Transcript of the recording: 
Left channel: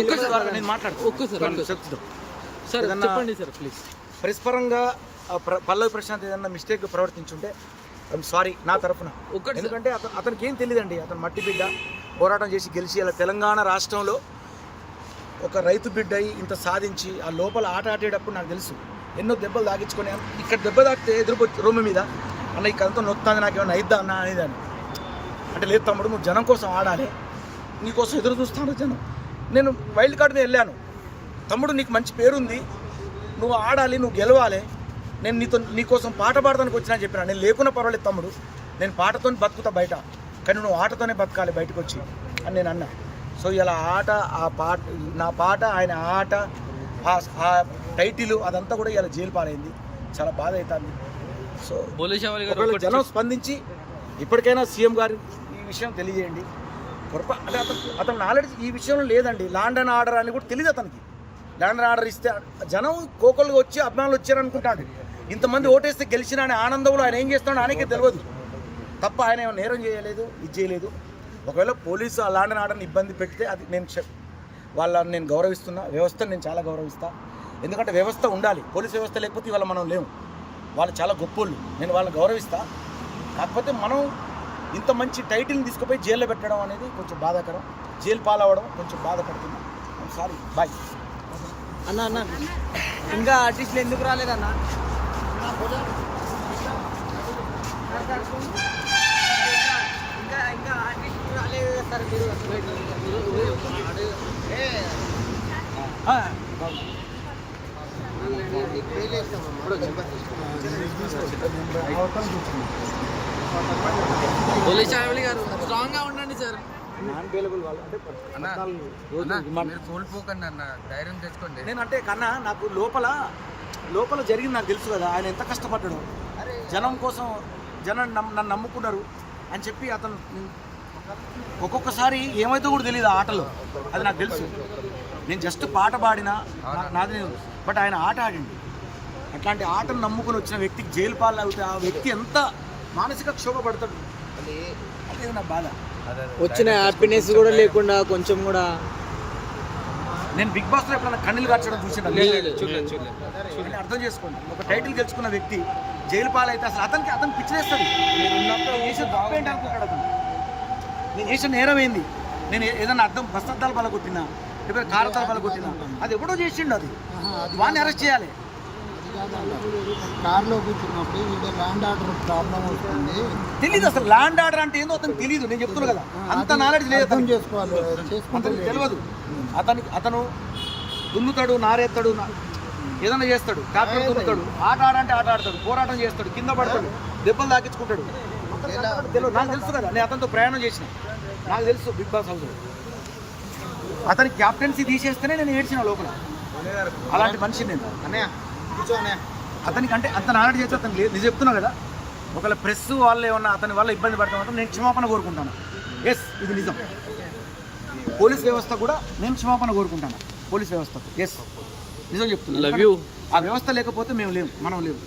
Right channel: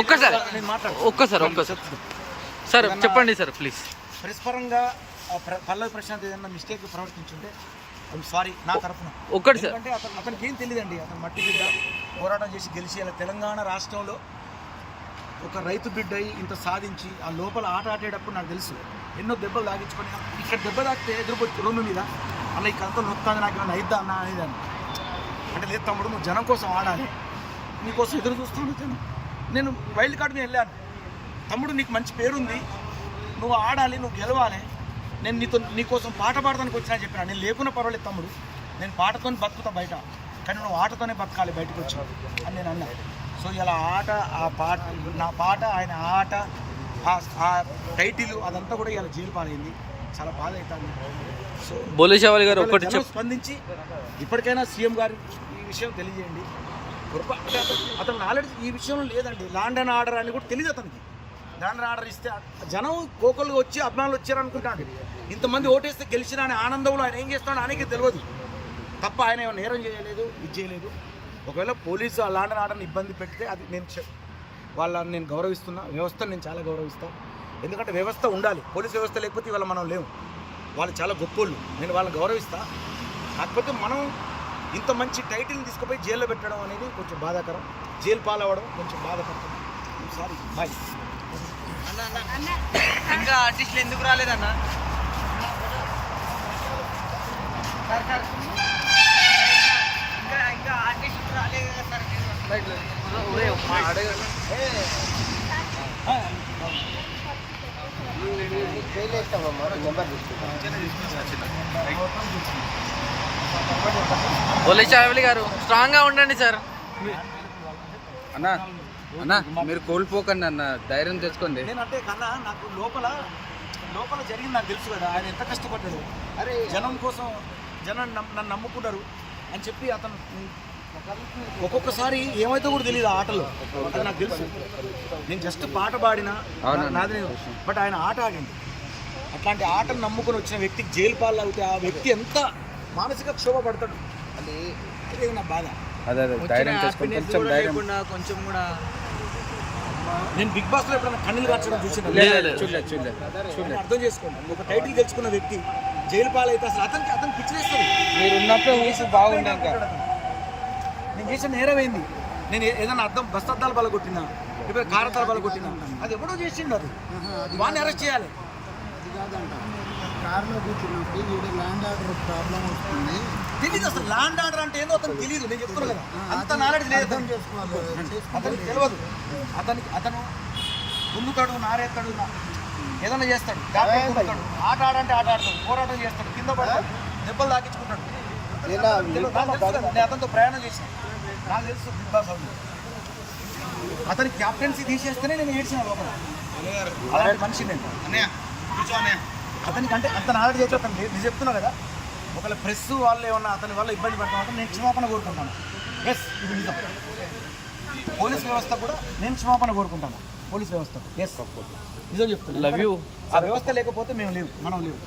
ఒక్కసారి సార్ చెప్పండి sir please. Press పరంగా పల్లవి ప్రశాంత్ ఏదన్నా మిస్టేక్ ప్రవర్తించుంటే ఐఎమ్ సారీ నా తరఫున. ఎందుకంటే అతనికి ఏం తెలియదండి. అతను మట్టి బిడ్డ పోరాటం చేసి గెలిచి అలా తెలంగాణ రాష్ట్రంలో ఒక రైతు బిడ్డ అయి ఇంత సాధించి ఆ లోపల ఆట ఆడేటప్పుడు నాకు తెలుసు ఎన్నో దెబ్బలు తాగించుకొని ఇక్కడ దెబ్బ తాకితే ఎదురు రూమ్ మీద అన్న ఇక్కడంతా నొత్తాది నాకేమైనా అయిద్దా అన్న అనేదాన్ని. అంటే లేదు తమ్ముడు, నువ్వు జనం కోసం ఆడాలి, నీకోసం ఎదురు చూస్తాను జనం. నేను వైల్డ్ కార్డ్ మీద వెళ్ళాను. తమ్ముడు నీకు మంచి పేరుంది, నువ్వు ఆడాలి, నువ్వు గెలవాలి, నేను నీకోసం పాట పాడటానికి వచ్చినా చెప్పినా. నేను లేకున్నా పర్వాలేదు తమ్ముడు, నేను పాటతో బతుకుతా బయట, కానీ నువ్వు ఆటతోనే బతకాలి బయటకు వచ్చి అని నేను అన్నా. సో ఇలా ఆట, ఆ పాట, నా పాట, ఆయన ఆట, ఆ టైటిల్ అదంతా కూడా ఇలా జైలు పాలైంది. చాలా బాధ అవుతుంది. సో బోలేశవాలి గారు జనం స్పందించి ఇప్పటికైనా సీఎం గారు ఈ విషయం తెలియజేయండి. అంటే అతను నాలెడ్జ్ ఈ విషయంలో లేదండి. ల్యాండ్ అండ్ ఆర్డర్ అని కూడా తెలియదు అతనికి. ల్యాండ్ అండ్ ఆర్డర్ ఇస్తే జనం కోకలుగా వచ్చి అభిమానులు వచ్చారనుకుంటాడు. ఇంతమంది ఓటేస్తే గెలిచిన అనే ఆనందంలో ఆయన ఏం చేస్తున్నాడో ఆయనకే తెలియదు తప్ప ఆయన ఏమైనా నేరం చేయలేదు, ఇది చేయలేదు. ఒకవేళ పోలీసు ఆ ల్యాండ్ అండ్ ఆర్డర్ని ఇబ్బంది పెడితే అది వాళ్ళని నేను గౌరవిస్తున్నా. వ్యవస్థను నేను చాలా గౌరవిస్తాను. ఎందుకంటే వ్యవస్థ ఉండాలి. పోలీస్ వ్యవస్థ లేకపోతే ఇవాళ మనం లేము. వాళ్ళు చాలా గొప్పోళ్ళు, నేను వాళ్ళని గౌరవిస్తా. కాకపోతే మనం ఇంత మంచి టైటిల్ని తీసుకుపోయి జైల్లో పెట్టడం అనేది కొంచెం బాధాకరం. జైలు పాలవ్వడం కొంచెం బాధపడుతున్నా. Sorry, boy. అన్న ఇంకా ఆర్టిస్టులు ఎందుకు రాలేదన్న? ఇంకా ఆర్టిస్టులు రాలేదు బోలేశవాలి గారు, స్ట్రాంగ్ గా ఉండండి సార్. మీరు కోల్పోకండి అన్న, ధైర్యం తెచ్చుకోండి. నేనంటే కన్నా నాకు లోపల జరిగింది నాకు తెలుసు కదా. ఆయన ఎంత కష్టపడ్డాడు జనం కోసం. జనం నన్ను నమ్ముకున్నారు అని చెప్పి అతను ఒక్కొక్కసారి ఏమైతే కూడా తెలియదు ఆ ఆటలో. అది నాకు తెలుసు. నేను జస్ట్ పాట పాడినా నాది, బట్ ఆయన ఆట ఆడింది. అట్లాంటి ఆటను నమ్ముకుని వచ్చిన వ్యక్తికి జైలు పాలు అవుతే ఆ వ్యక్తి ఎంత మానసిక క్షోభ పడతాడు. అదే నా బాధ. వచ్చిన హ్యాపీనెస్ కూడా లేకుండా కొంచెం కూడా. నేను బిగ్ బాస్ లో ఎప్పుడైనా కన్నీళ్ళు కార్చడం చూసిన అర్థం చేసుకోండి. ఒక టైటిల్ గెలుచుకున్న వ్యక్తి జైలు పాలైతే అసలు అతనికి పిచ్చిలేస్తుంది. నేను చేసిన నేరం ఏంది? నేను ఏదైనా బస్తద్దాలు బలగొట్టినా, లేకపోతే కారతాలు బలగొట్టినా, అది ఎప్పుడో చేసిండు. అది వాడిని అరెస్ట్ చేయాలి. తెలీదు అసలు ల్యాండ్ ఆర్డర్ అంటే ఏందో అతనికి తెలీదు. నేను చెప్తున్నా కదా, అంత నాలెడ్జ్ లేదు అతనికి తెలియదు. అతను దున్నుతాడు, నారేస్తాడు, ఏదైనా చేస్తాడు, ట్రాక్టర్ దున్నుతాడు, ఆట ఆడంటే ఆట ఆడతాడు, పోరాటం చేస్తాడు, కింద పడతాడు, దెబ్బలు తాకించుకుంటాడు. నాకు తెలుసు కదా, నేను అతనితో ప్రయాణం చేసిన, నాకు తెలుసు బిగ్ బాస్ హౌస్. అతని క్యాప్టెన్సీ తీసేస్తేనే నేను ఏడ్చిన లోపల. అలాంటి మనిషి నేను. అతనికి అంటే అంత నాలెడ్జ్ చేస్తే అతను లేదు. నేను చెప్తున్నా కదా, ఒకవేళ ప్రెస్ వాళ్ళు ఏమన్నా అతని వల్ల ఇబ్బంది పడతామంటే నేను క్షమాపణ కోరుకుంటాను. ఎస్, ఇది నిజం. పోలీస్ వ్యవస్థ కూడా నేను క్షమాపణ కోరుకుంటాను. పోలీస్ వ్యవస్థ ఎస్ నిజం చెప్తున్నా. Love you. ఆ వ్యవస్థ లేకపోతే మేము లేవు, మనం లేవు.